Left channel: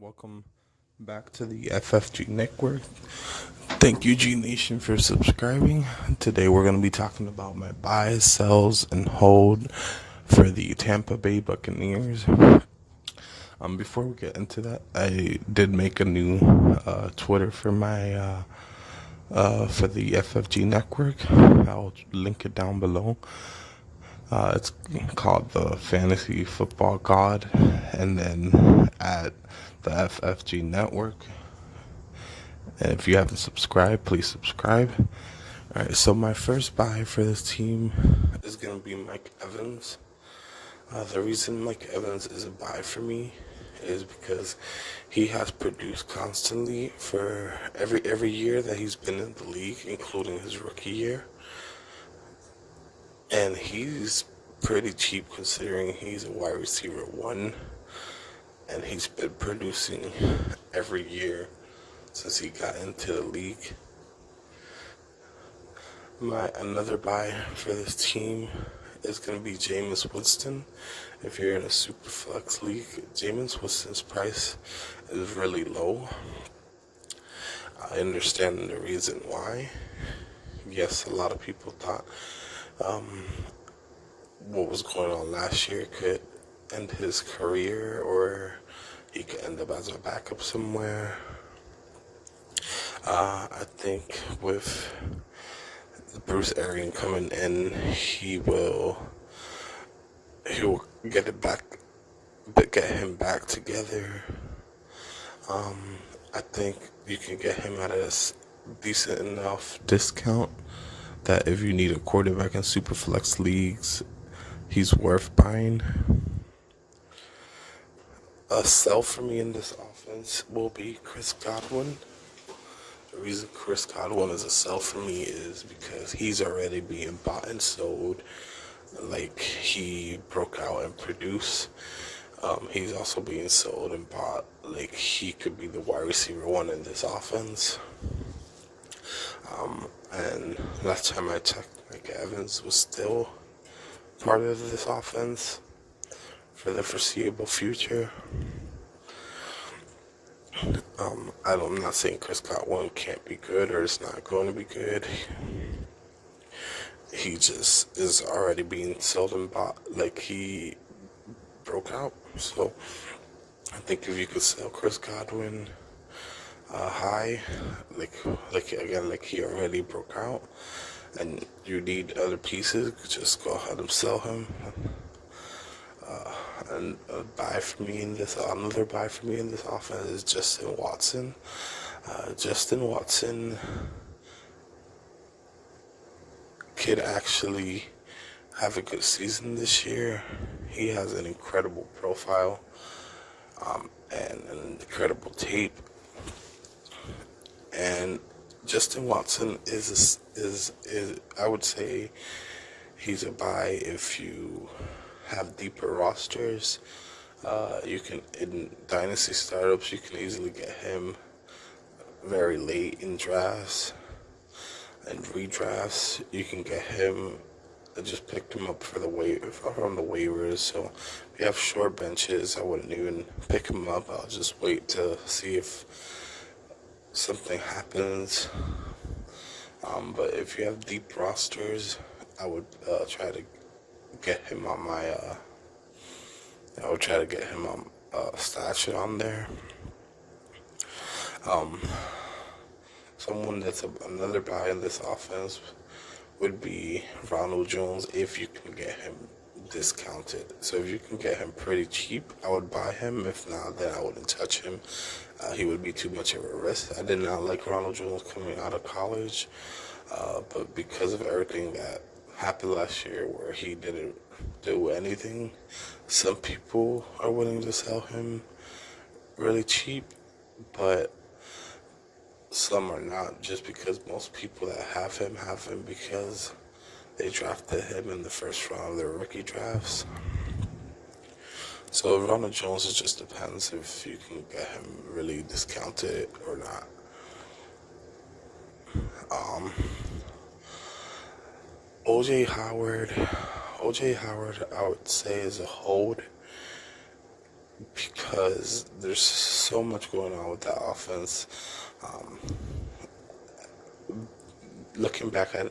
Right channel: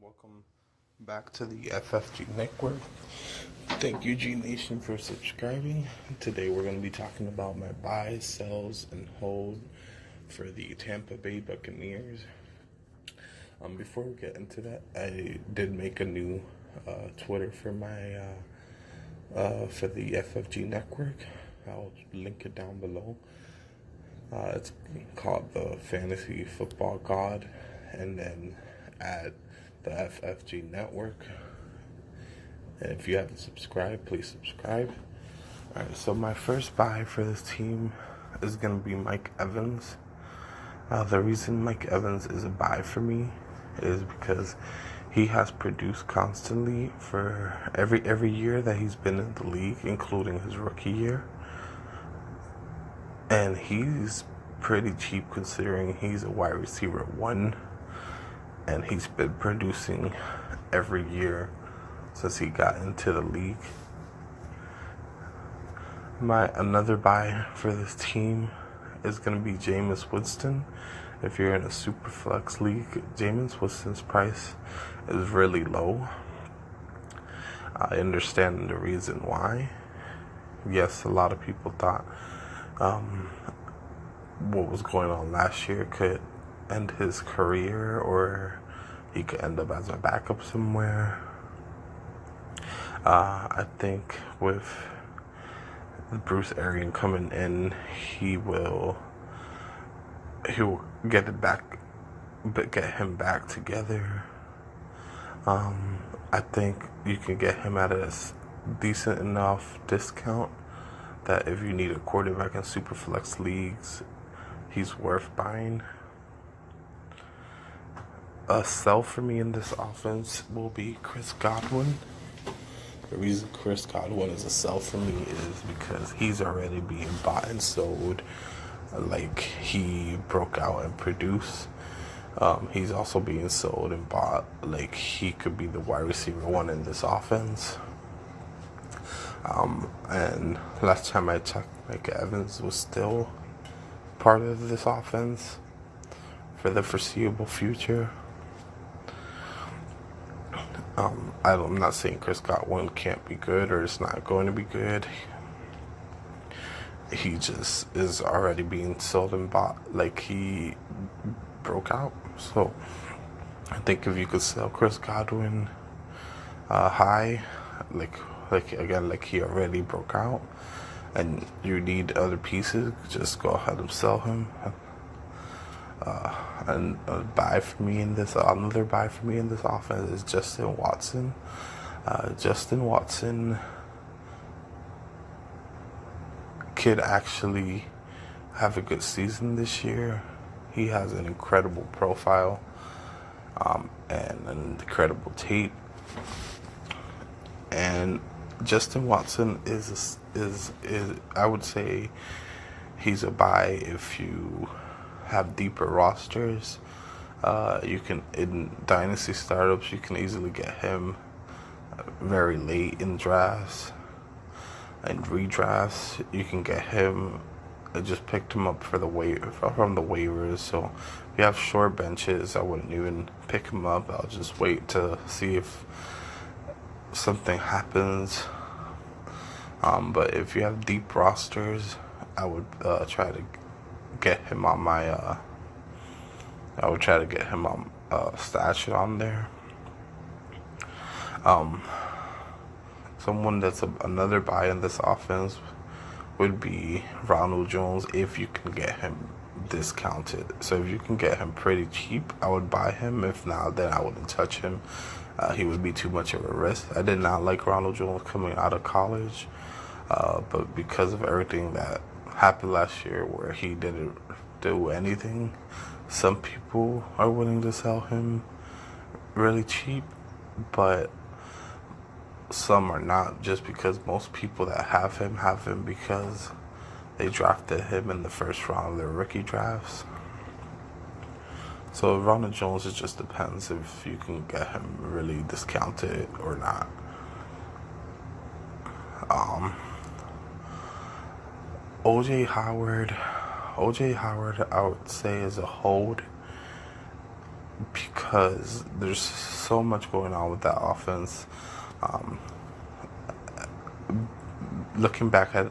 Welcome back to the FFG Network. Thank you, G Nation, for subscribing. Today we're going to be talking about my buys, sells, and hold for the Tampa Bay Buccaneers. Before we get into that, I did make a new Twitter for my for the FFG Network. I'll link it down below. It's called the Fantasy Football God, and then at the FFG Network. And if you haven't subscribed, please subscribe. All right, so my first buy for this team is going to be Mike Evans. The reason Mike Evans is a buy for me is because he has produced constantly for every year that he's been in the league, including his rookie year. And he's pretty cheap considering he's a wide receiver 1. And he's been producing every year since he got into the league. Another buy for this team is going to be Jameis Winston. If you're in a super flex league, Jameis Winston's price is really low. I understand the reason why. Yes, a lot of people thought what was going on last year could end his career, or he could end up as a backup somewhere. I think with Bruce Arians coming in, he will get him back together. I think you can get him at a decent enough discount that if you need a quarterback in super flex leagues, he's worth buying. A sell for me in this offense will be Chris Godwin. The reason Chris Godwin is a sell for me is because he's already being bought and sold. Like, he broke out and produced. He's also being sold and bought. Like, he could be the wide receiver 1 in this offense. And last time I checked, Mike Evans was still part of this offense for the foreseeable future. I'm not saying Chris Godwin can't be good or it's not going to be good. He just is already being sold and bought. Like, he broke out. So I think if you could sell Chris Godwin high, like he already broke out, and you need other pieces, just go ahead and sell him. And another buy for me in this offense is Justin Watson. Justin Watson could actually have a good season this year. He has an incredible profile and an incredible tape. And Justin Watson is I would say he's a buy if you have deeper rosters. You can, in Dynasty startups, you can easily get him very late in drafts and redrafts. You can get him. I just picked him up from the waivers. So if you have short benches, I wouldn't even pick him up. I'll just wait to see if something happens. But if you have deep rosters, I would try to get him on my stash it on there. Someone that's another buy in this offense would be Ronald Jones, if you can get him discounted. So if you can get him pretty cheap, I would buy him. If not, then I wouldn't touch him. He would be too much of a risk. I did not like Ronald Jones coming out of college, but because of everything that happened last year where he didn't do anything, some people are willing to sell him really cheap, but some are not, just because most people that have him because they drafted him in the first round of their rookie drafts. So Ronald Jones, it just depends if you can get him really discounted or not. OJ Howard, I would say, is a hold. because there's so much going on with that offense. Um, Looking back at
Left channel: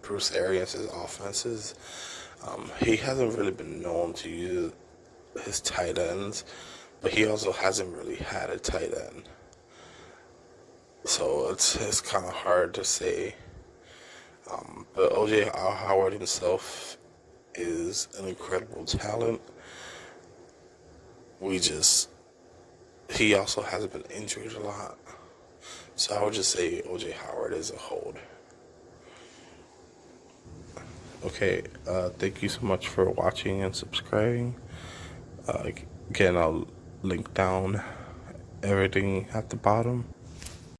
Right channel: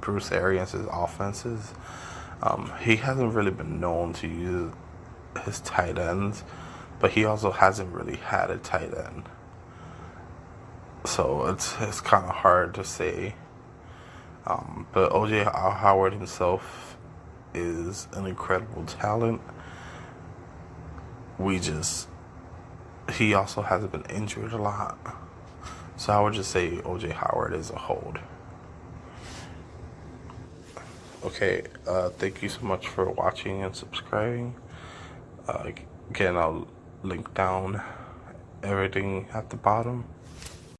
Bruce Arians' offenses, he hasn't really been known to use his tight ends, but he also hasn't really had a tight end. So it's kind of hard to say. But OJ Howard himself is an incredible talent. He also hasn't been injured a lot. So I would just say OJ Howard is a hold. Okay, thank you so much for watching and subscribing. Again, I'll link down everything at the bottom.